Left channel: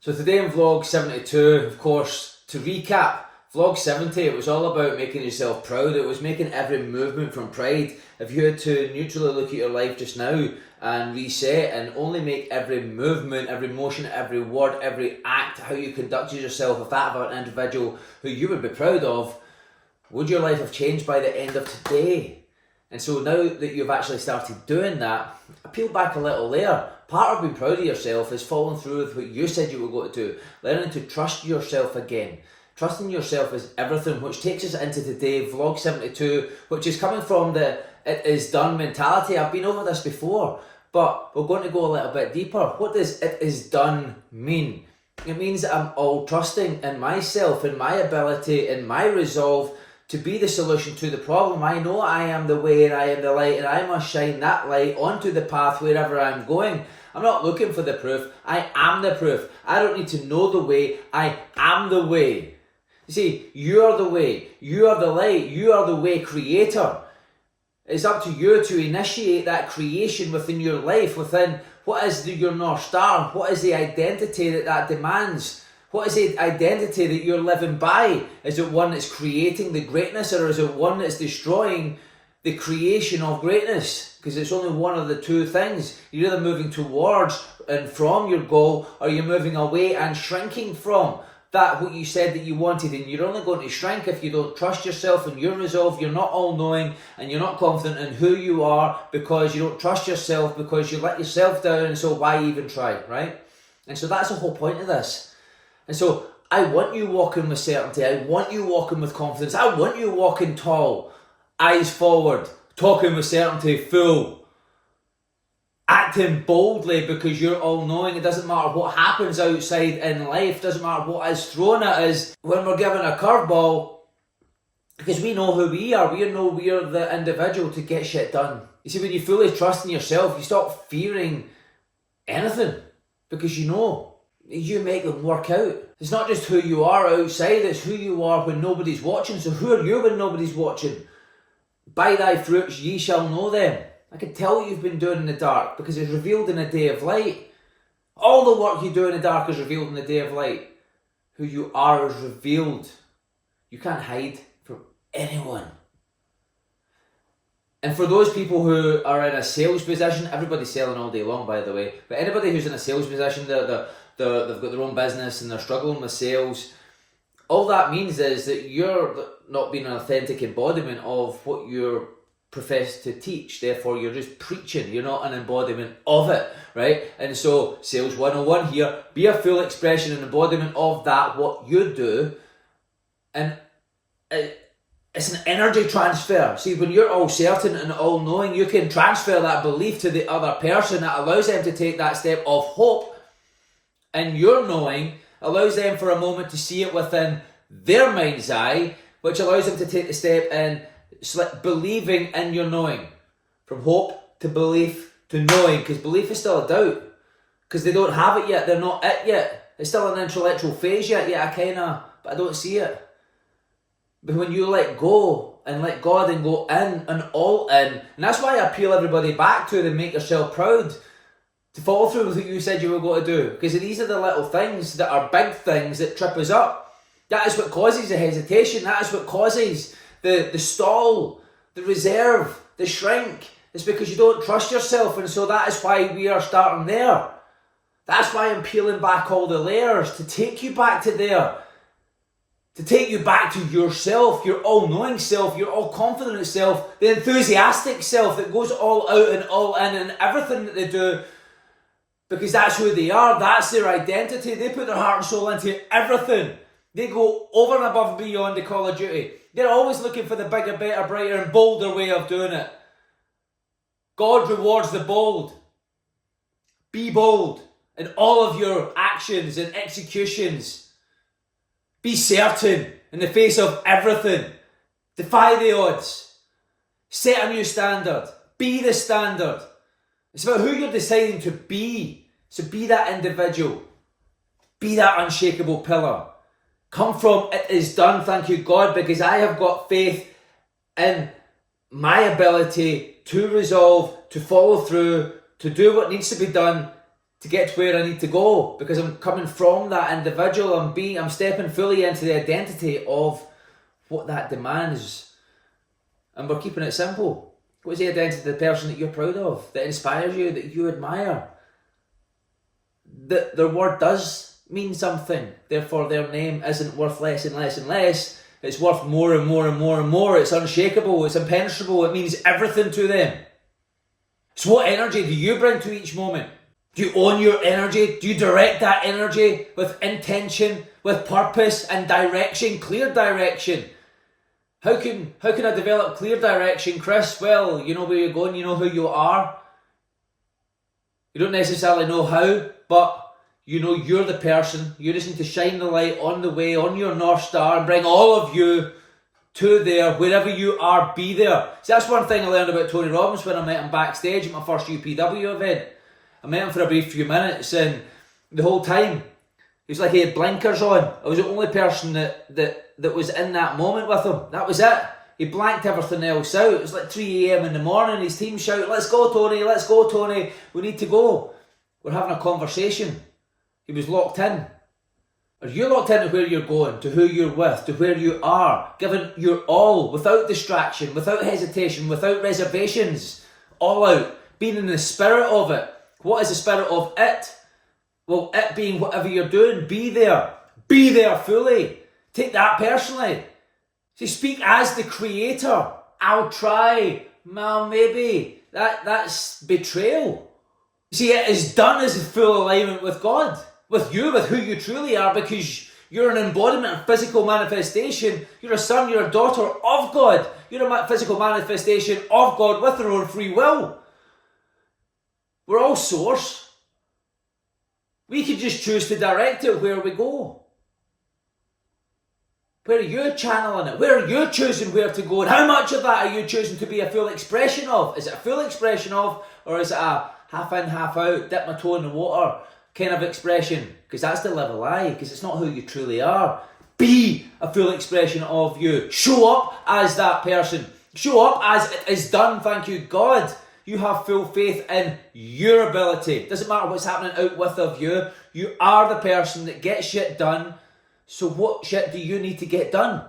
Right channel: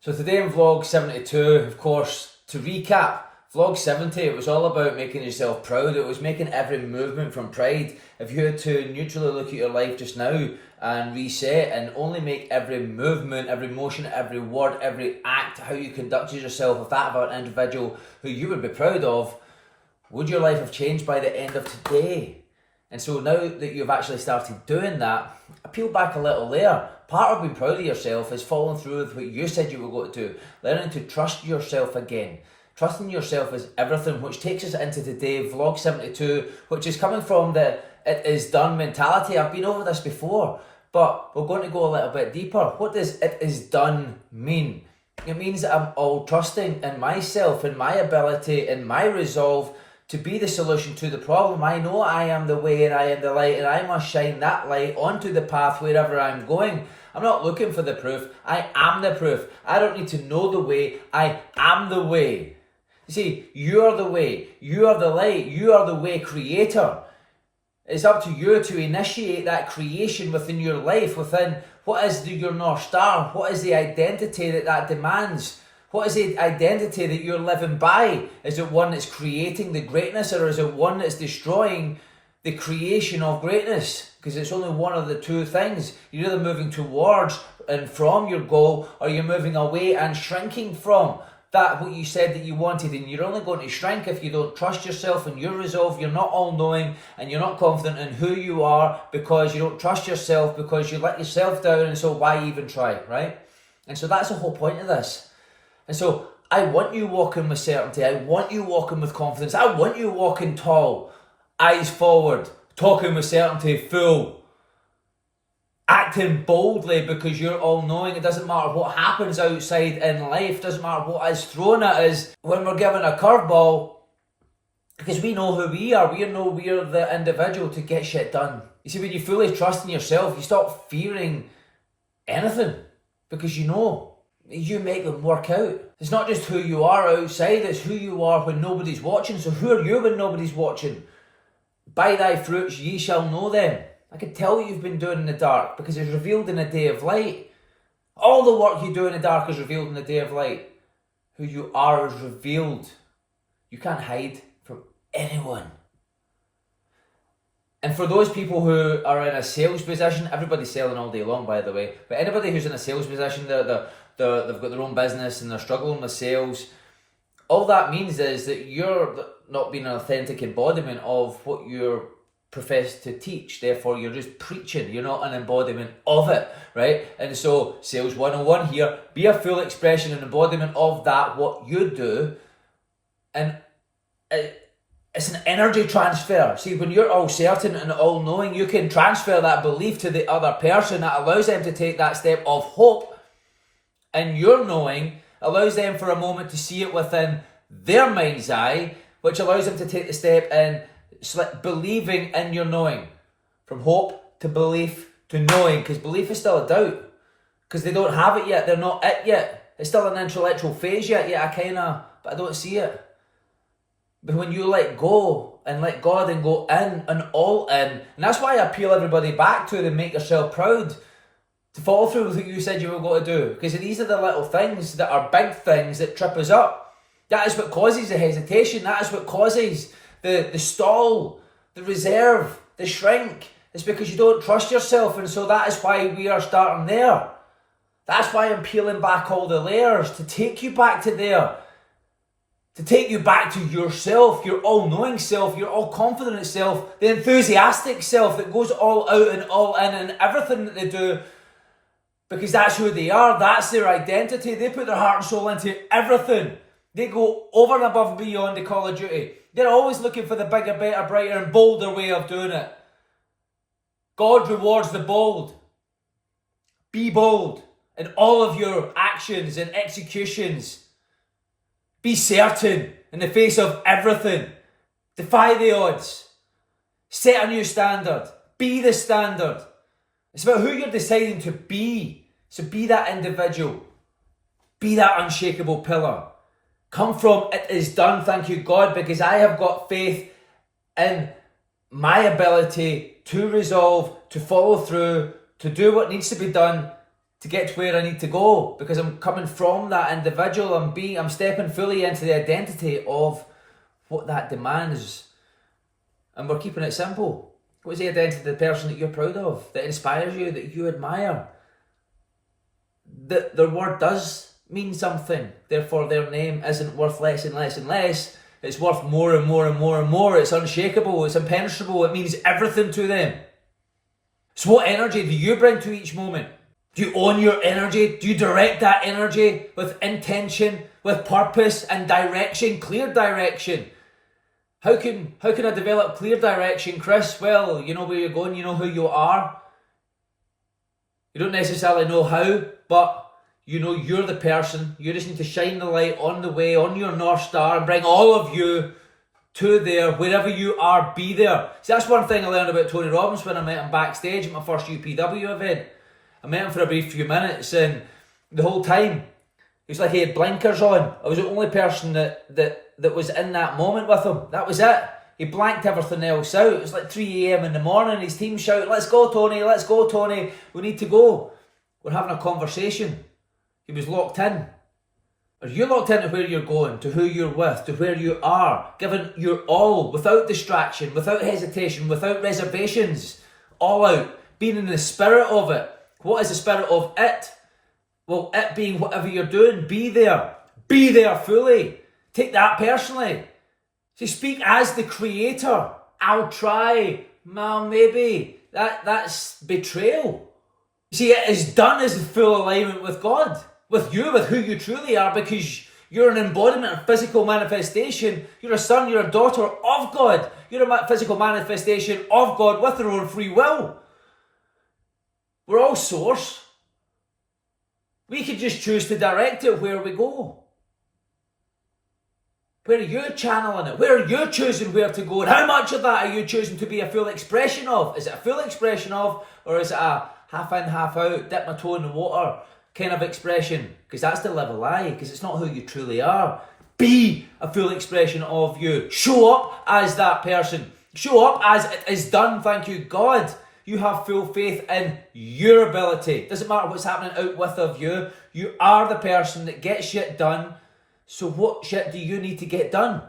So today in vlog 72, of course, to recap, vlog 70, it was all about making yourself proud. It was making every movement from pride. If you had to neutrally look at your life just now and reset and only make every movement, every motion, every word, every act, how you conducted yourself with that of an individual who you would be proud of, would your life have changed by the end of today? And so now that you've actually started doing that, I peel back a little layer. Part of being proud of yourself is following through with what you said you were going to do. Learning to trust yourself again. Trusting yourself is everything, which takes us into today, vlog 72, which is coming from the it is done mentality. I've been over this before, but we're going to go a little bit deeper. What does it is done mean? It means that I'm all trusting in myself, in my ability, in my resolve to be the solution to the problem. I know I am the way and I am the light, and I must shine that light onto the path wherever I'm going. I'm not looking for the proof. I am the proof. I don't need to know the way. I am the way. You see, you are the way. You are the light. You are the way creator. It's up to you to initiate that creation within your life, within what is your North Star, what is the identity that demands. What is the identity that you're living by? Is it one that's creating the greatness, or is it one that's destroying the creation of greatness? Because it's only one of the two things. You're either moving towards and from your goal, or you're moving away and shrinking from that what you said that you wanted. And you're only going to shrink if you don't trust yourself and your resolve. You're not all-knowing and you're not confident in who you are because you don't trust yourself, because you let yourself down, and so why even try, right? And so that's the whole point of this. And so I want you walking with certainty. I want you walking with confidence. I want you walking tall, eyes forward, talking with certainty, full, acting boldly because you're all knowing. It doesn't matter what happens outside in life. It doesn't matter what is thrown at us when we're given a curveball, because we know who we are. We know we are the individual to get shit done. You see, when you fully trust in yourself, you stop fearing anything because you know. You make them work out. It's not just who you are outside, it's who you are when nobody's watching. So who are you when nobody's watching? By thy fruits ye shall know them. I can tell what you've been doing in the dark because it's revealed in a day of light. All the work you do in the dark is revealed in the day of light. Who you are is revealed. You can't hide from anyone. And for those people who are in a sales position, everybody's selling all day long, by the way, but anybody who's in a sales position, they've got their own business and they're struggling with sales, all that means is that you're not being an authentic embodiment of what you're professed to teach. Therefore, you're just preaching. You're not an embodiment of it, right? And so, Sales 101 here, be a full expression and embodiment of that, what you do. And it's an energy transfer. See, when you're all certain and all knowing, you can transfer that belief to the other person. That allows them to take that step of hope. And your knowing allows them for a moment to see it within their mind's eye, which allows them to take the step in believing in your knowing. From hope to belief to knowing, because belief is still a doubt. Because they don't have it yet, they're not it yet. It's still an intellectual phase yet, but I don't see it. But when you let go and let God and go in and all in, and that's why I appeal everybody back to it and make yourself proud. To follow through with what you said you were going to do. Because these are the little things that are big things that trip us up. That is what causes the hesitation. That is what causes the stall, the reserve, the shrink. It's because you don't trust yourself. And so that is why we are starting there. That's why I'm peeling back all the layers. To take you back to there. To take you back to yourself, your all-knowing self, your all-confident self, the enthusiastic self that goes all out and all in and everything that they do. Because that's who they are, that's their identity. They put their heart and soul into everything. They go over and above and beyond the call of duty. They're always looking for the bigger, better, brighter and bolder way of doing it. God rewards the bold. Be bold in all of your actions and executions. Be certain in the face of everything. Defy the odds. Set a new standard. Be the standard. It's about who you're deciding to be. So be that individual. Be that unshakable pillar. Come from it is done, thank you God, because I have got faith in my ability to resolve, to follow through, to do what needs to be done, to get to where I need to go, because I'm coming from that individual. I'm stepping fully into the identity of what that demands. And we're keeping it simple. What is the identity of the person that you're proud of, that inspires you, that you admire? That their word does mean something, therefore their name isn't worth less and less and less. It's worth more and more and more and more. It's unshakable, it's impenetrable, it means everything to them. So what energy do you bring to each moment? Do you own your energy? Do you direct that energy with intention, with purpose and direction, clear direction? How can I develop clear direction, Chris? Well, you know where you're going, you know who you are. You don't necessarily know how, but you know you're the person. You just need to shine the light on the way, on your North Star, and bring all of you to there. Wherever you are, be there. See, that's one thing I learned about Tony Robbins when I met him backstage at my first UPW event. I met him for a brief few minutes, and the whole time, he was like he had blinkers on. I was the only person that was in that moment with him. That was it. He blanked everything else out. It was like 3 a.m. in the morning. His team shouted, let's go, Tony, we need to go. We're having a conversation. He was locked in. Are you locked into where you're going, to who you're with, to where you are, giving your all, without distraction, without hesitation, without reservations, all out, being in the spirit of it? What is the spirit of it? Well, it being whatever you're doing, be there fully. Take that personally. See, speak as the creator. I'll try, well, maybe. That's betrayal. See, it is done as a full alignment with God, with you, with who you truly are, because you're an embodiment of physical manifestation. You're a son, you're a daughter of God. You're a physical manifestation of God with their own free will. We're all source. We can just choose to direct it where we go. Where are you channeling it? Where are you choosing where to go? And how much of that are you choosing to be a full expression of? Is it a full expression of, or is it a half in, half out, dip my toe in the water kind of expression? Because that's the live a lie, because it's not who you truly are. Be a full expression of you. Show up as that person. Show up as it is done, thank you God. You have full faith in your ability. Doesn't matter what's happening out with of you. You are the person that gets shit done. So what shit do you need to get done?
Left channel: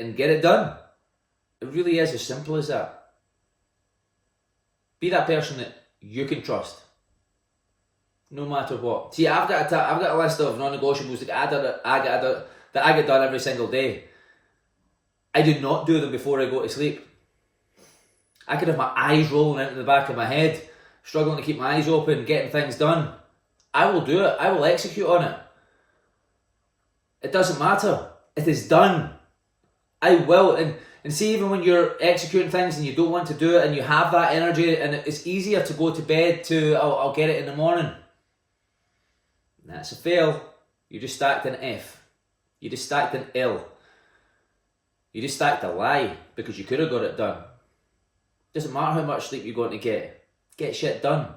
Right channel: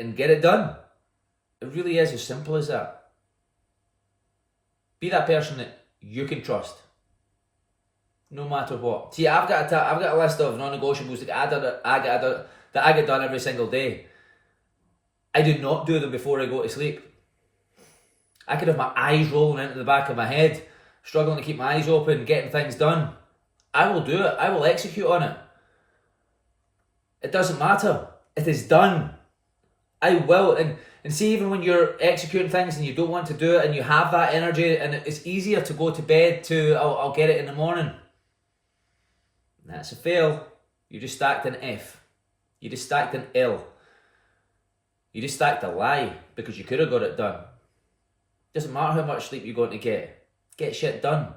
And get it done. It really is as simple as that. Be that person that you can trust. No matter what. See, I've got a list of non-negotiables that I get done every single day. I do not do them before I go to sleep. I could have my eyes rolling into the back of my head, struggling to keep my eyes open, getting things done. I will do it. I will execute on it. It doesn't matter. It is done. I will. And see, even when you're executing things and you don't want to do it and you have that energy, and it's easier to go to bed to, I'll get it in the morning. That's a fail. You just stacked an F. You just stacked an L. You just stacked a lie, because you could have got it done. Doesn't matter how much sleep you're going to get. Get shit done.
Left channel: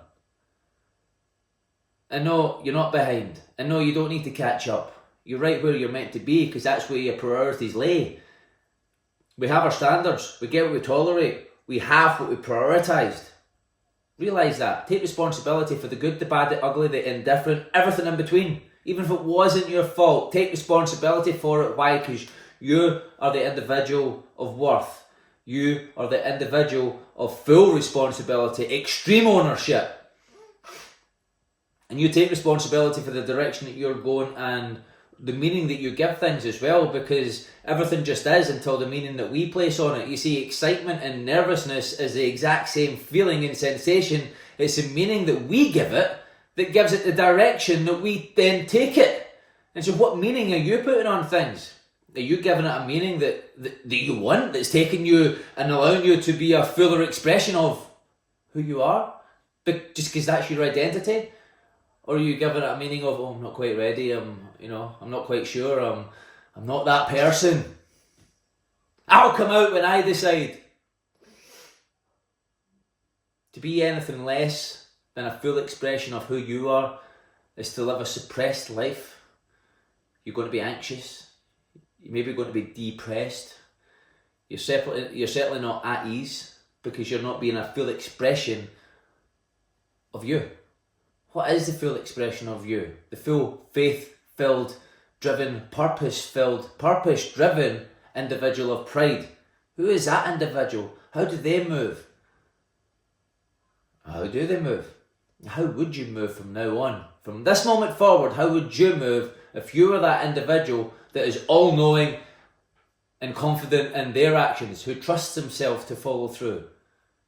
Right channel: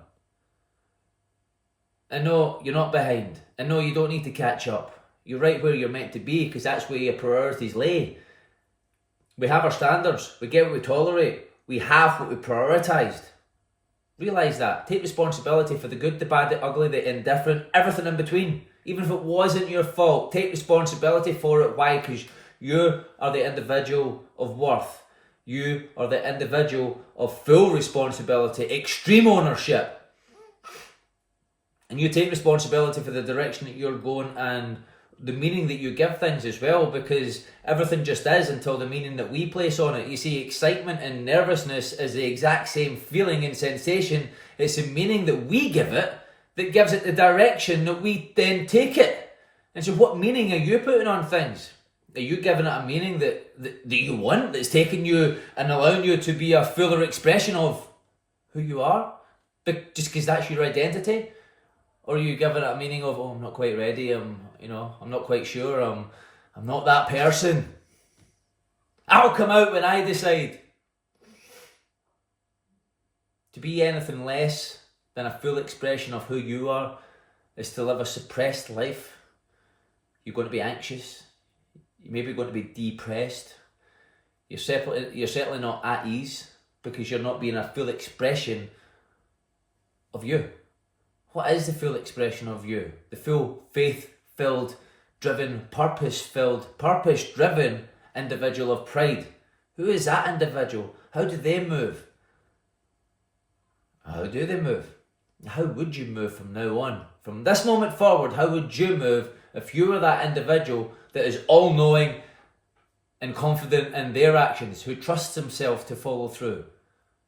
And no, you're not behind. And no, you don't need to catch up. You're right where you're meant to be, because that's where your priorities lay. We have our standards. We get what we tolerate. We have what we prioritised. Realise that. Take responsibility for the good, the bad, the ugly, the indifferent, everything in between. Even if it wasn't your fault, take responsibility for it. Why? Because you are the individual of worth. You are the individual of full responsibility, extreme ownership. And you take responsibility for the direction that you're going and the meaning that you give things as well, because everything just is until the meaning that we place on it. You see, excitement and nervousness is the exact same feeling and sensation. It's the meaning that we give it that gives it the direction that we then take it. And so what meaning are you putting on things? Are you giving it a meaning that you want, that's taking you and allowing you to be a fuller expression of who you are? But just because that's your identity? Or are you giving it a meaning of, I'm not quite ready, I'm not quite sure, I'm not that person. I'll come out when I decide. To be anything less than a full expression of who you are is to live a suppressed life. You're going to be anxious. You're maybe going to be depressed. You're certainly not at ease, because you're not being a full expression of you? What is the full expression of you? The full faith-filled, driven, purpose-driven individual of pride. Who is that individual? How do they move? How do they move? How would you move from now on? From this moment forward, how would you move if you were that individual that is all-knowing and confident in their actions, who trusts himself to follow through,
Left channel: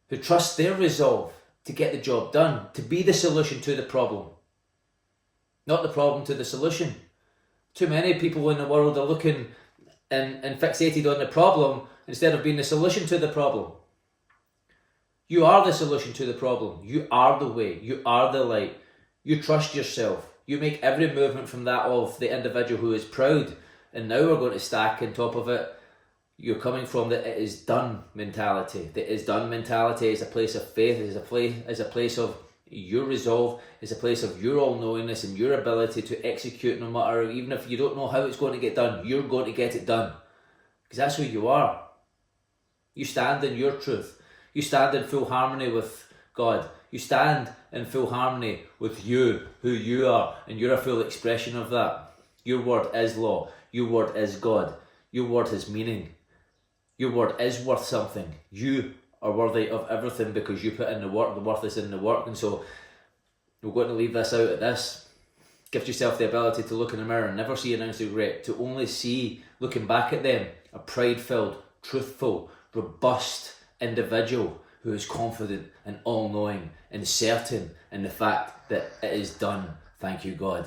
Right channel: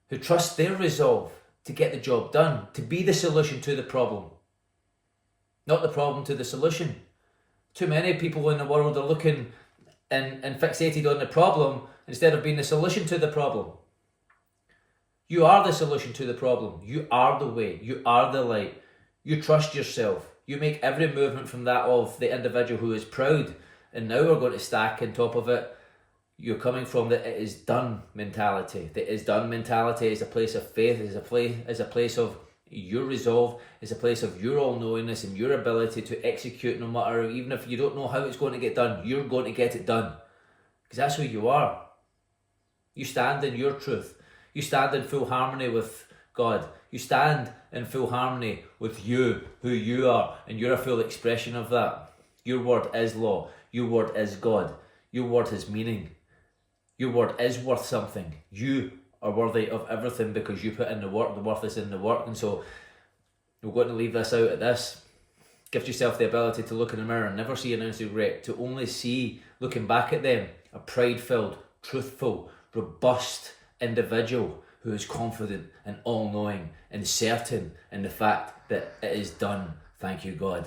who trusts their resolve to get the job done, to be the solution to the problem, not the problem to the solution? Too many people in the world are looking and fixated on the problem instead of being the solution to the problem. You are the solution to the problem. You are the way. You are the light. You trust yourself. You make every movement from that of the individual who is proud. And now we're going to stack on top of it. You're coming from the it is done mentality. The it is done mentality is a place of faith, is a place of your resolve, is a place of your all-knowingness and your ability to execute no matter, even if you don't know how it's going to get done, you're going to get it done. Because that's who you are. You stand in your truth. You stand in full harmony with God. You stand in full harmony with you, who you are, and you're a full expression of that. Your word is law. Your word is God. Your word has meaning. Your word is worth something. You are worthy of everything because you put in the work. The worth is in the work. And so we're going to leave this out at this. Give yourself the ability to look in the mirror and never see an ounce of regret, to only see, looking back at them, a pride-filled, truthful, robust individual who is confident and all-knowing and certain in the fact that it is done. Thank you, God.